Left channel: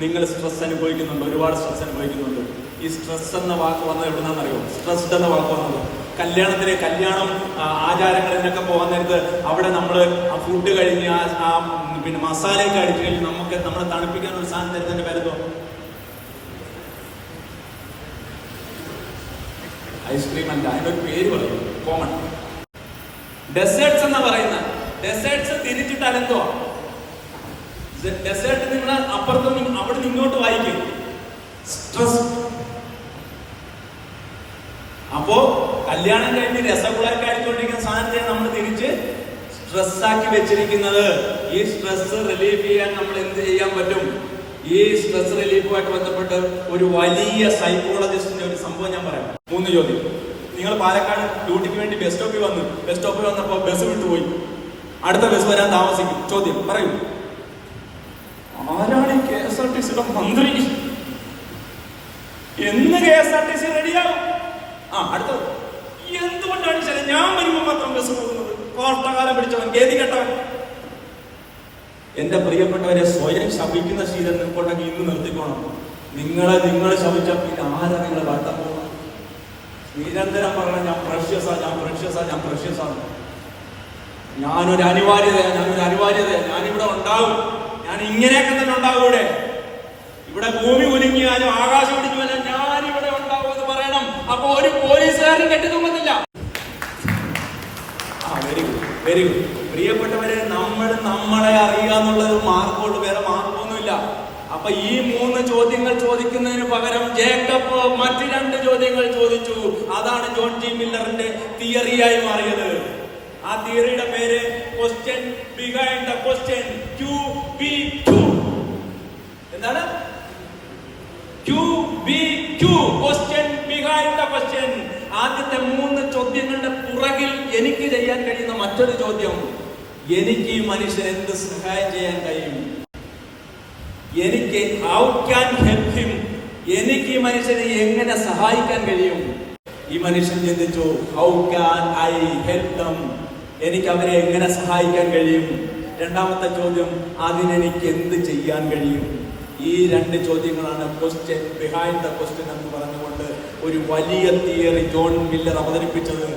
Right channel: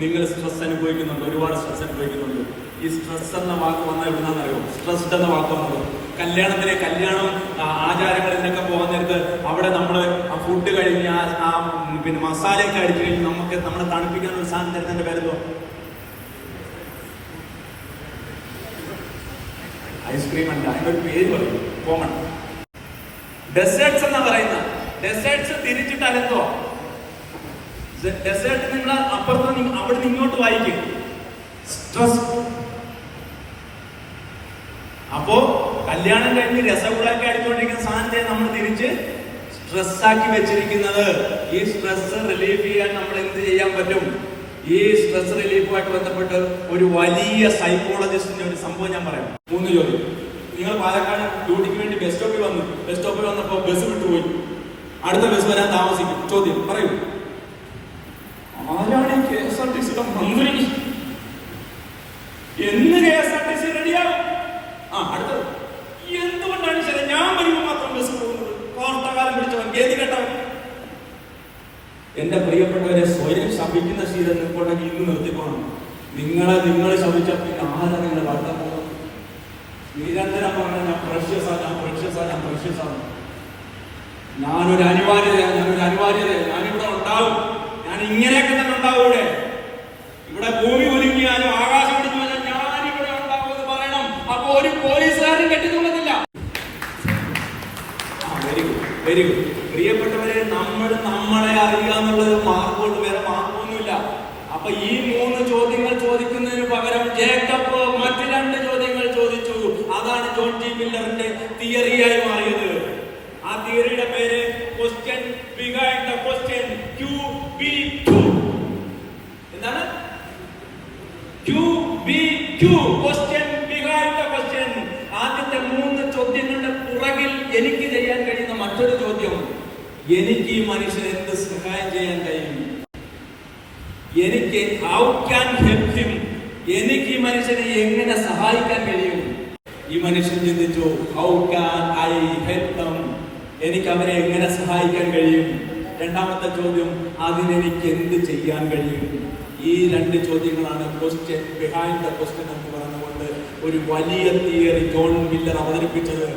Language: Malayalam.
നിങ്ങൾ സ്ട്രെസ് അനുഭവിക്കുന്നുണ്ട് ഒരുപാട് സ്ട്രെസ് അനുഭവിക്കുന്നുണ്ട്. ഈ സ്ട്രെസ് എന്ന വാക്ക് വന്ന അറിയോ? സ്ട്രെസ്ഡ് എന്ന വാക്ക് വന്നത് കല്യാണത്തിലെ കല്യാണം ആചാരങ്ങളിലൊക്കെ പോകാൻ നേരത്ത് അവിടെ നമ്മൾ ആ ഫുഡ് കഴിഞ്ഞ് ആ പിന്നെ മസാലയൊക്കെ അടിച്ച് കഴിഞ്ഞ് നമുക്ക് നമ്മളെ തണുപ്പിക്കാൻ ഒരു സാധനം തരുന്നതിന്റെ പേരെന്തോ? ഐസ്ക്രീം അല്ല അതിന്റെ ഒരു പേര് പറയും കോമൺ ഡെസേർട്സ് എന്ന് പറയുന്ന ഡെസേർട്സ് തിരിച്ചിട്ട് അലത്തോ ഡെസേർട്ട് നിങ്ങൾ അപ്പുറത്ത് സ്ട്രെസ് അപ്പോ കല്യാണം കഴിഞ്ഞ് രസഗുളൊക്കെ അടിച്ചുകൊണ്ടിരിക്കുന്ന സാധനത്തെ നമ്മൾ തിരിച്ച് സ്ട്രെസ് ആക്കി വെച്ചിരിക്കുന്നത്. ഈ സ്ട്രെസ് റിലീഫ് ചെയ്യാൻ നമ്മൾ എന്ത് ചെയ്യാൻ പറ്റും? ഈ സ്ട്രെസ് റിലീഫുമായിട്ട് ബന്ധപ്പെട്ട് ഒരു വലിയ സൈക്കോളജിസ്റ്റിന്റെ ഒരു സംഭവം ഞാൻ പറയാം. മൂന്ന് ചോദ്യം. നിങ്ങൾ പാലക്കാട് ഡ്യൂട്ടിക്ക് വേണ്ടി ബസ് സ്റ്റോപ്പിൽ വന്നു. ബസ് സ്റ്റോപ്പിൽ വന്നപ്പോൾ ബസ് വിട്ടുപോയി. അടുത്ത ബസ് വരാൻ താമസിക്കും. ചോദ്യം. പറയൂ. ആരാണ് കെ എസ് ആർ ടി സിയുടെ മന്ത്രി? എന്ന് K S R T C റെഡിയാകും ആ അടുത്തത്. എന്തുകൊണ്ടാണ് ശരി? ഞാൻ വരുമ്പോൾ മാത്രം ബസ് പോകുന്നത്? കോട്ടകാലം പിടിച്ചവൻ ഗേതി കെട്ടവൻ. എന്റെ പ്രിയപ്പെട്ടവരെ സ്വയം ശപിക്കുന്ന ശീലം നിൽക്കൊണ്ടെങ്കിൽ ഇന്ന് നിർത്തിക്കോണം. നിങ്ങളെ നിങ്ങൾ ശപിച്ച പിന്നെ ആരാ നിങ്ങളെ വർത്തം പോകുന്നത്? നിരന്തരം പറഞ്ഞ ഞാൻ പ്രഷ്യസാ ഞാൻ പ്രഷ്യസാ ഞാൻ പ്രഷ്യസാ ഞാനൊരു അനിവാര്യതയാണ് ഞാനൊരു അനിവാര്യതയാണ് ഞാനിവിടെ ഉണ്ടാവും. ഞാൻ ഇങ്ങനെയൊക്കെ തന്നെ ഉണ്ടാവും ഇവിടെ. ഇവിടെ ഭൂമി ഒരുങ്ങിയാലും ആകാശം വരാൻ ഞാൻ ഇവിടെ ഉണ്ടാവുമെന്ന് പറയണം. അപ്പൊ ഒരു പോലീസുകാരും കെട്ടിത്തുന്നില്ല ആ വെരി ഗുഡ് വെരി ഗുഡ് പ്രിയപ്പെട്ടവരെ നമ്മൾ നമ്മളെ അറിയുക എന്നുള്ളത് മാർഗോട്ട് വേറെ മാർഗമൊന്നുമില്ല. അപ്പൊ ഈ മൂന്ന് ചോദ്യങ്ങൾ ചോദിക്കുന്നതിന് പകരം ജേക്കബ് മറ്റ് രണ്ട് ചോദ്യങ്ങൾ ചോദിച്ചു. അതാണ് ജോൺ ജി മില്ലറിന്റെ തിയറിയായി മാറിയത്. ആ തിയറിയുടെ പേര് question behind the question Q two എന്താണ്? ടു ആദ്യത്തെ മൂന്ന് ചോദ്യങ്ങളുടെ പുറകിൽ എനിക്ക് ചെയ്യാൻ കഴിയുന്ന മറ്റൊരു ചോദ്യം എനിക്ക് ഈ മനുഷ്യൻ എന്ത് സഹായം ചെയ്യാൻ കഴിയും? എനിക്ക് ഹൗ ക്യാൻ ഹെൽപ് ഹിം എനിക്ക് ഈ മനുഷ്യനെ എങ്ങനെ സഹായിക്കാൻ കഴിയും? ഈ മനുഷ്യൻ ചിന്തിച്ചു how can I help them എനിക്ക് അവരെ എങ്ങനെ സഹായിക്കാൻ കഴിയും? രണ്ടാമത്തെ ചോദ്യം അതിനെനിക്ക് എന്ത് ചെയ്യാൻ കഴിയും? ഈ രണ്ട് ചോദ്യങ്ങളാണ് ക്വസ്റ്റ്യൻ ബിഹൈൻഡ് ദ ക്വസ്റ്റ്യൻ എന്ന് പറഞ്ഞുകൊണ്ട് ഒരു വലിയ തിയറി ജോൺ മില്ലർ അവതരിപ്പിച്ചത്.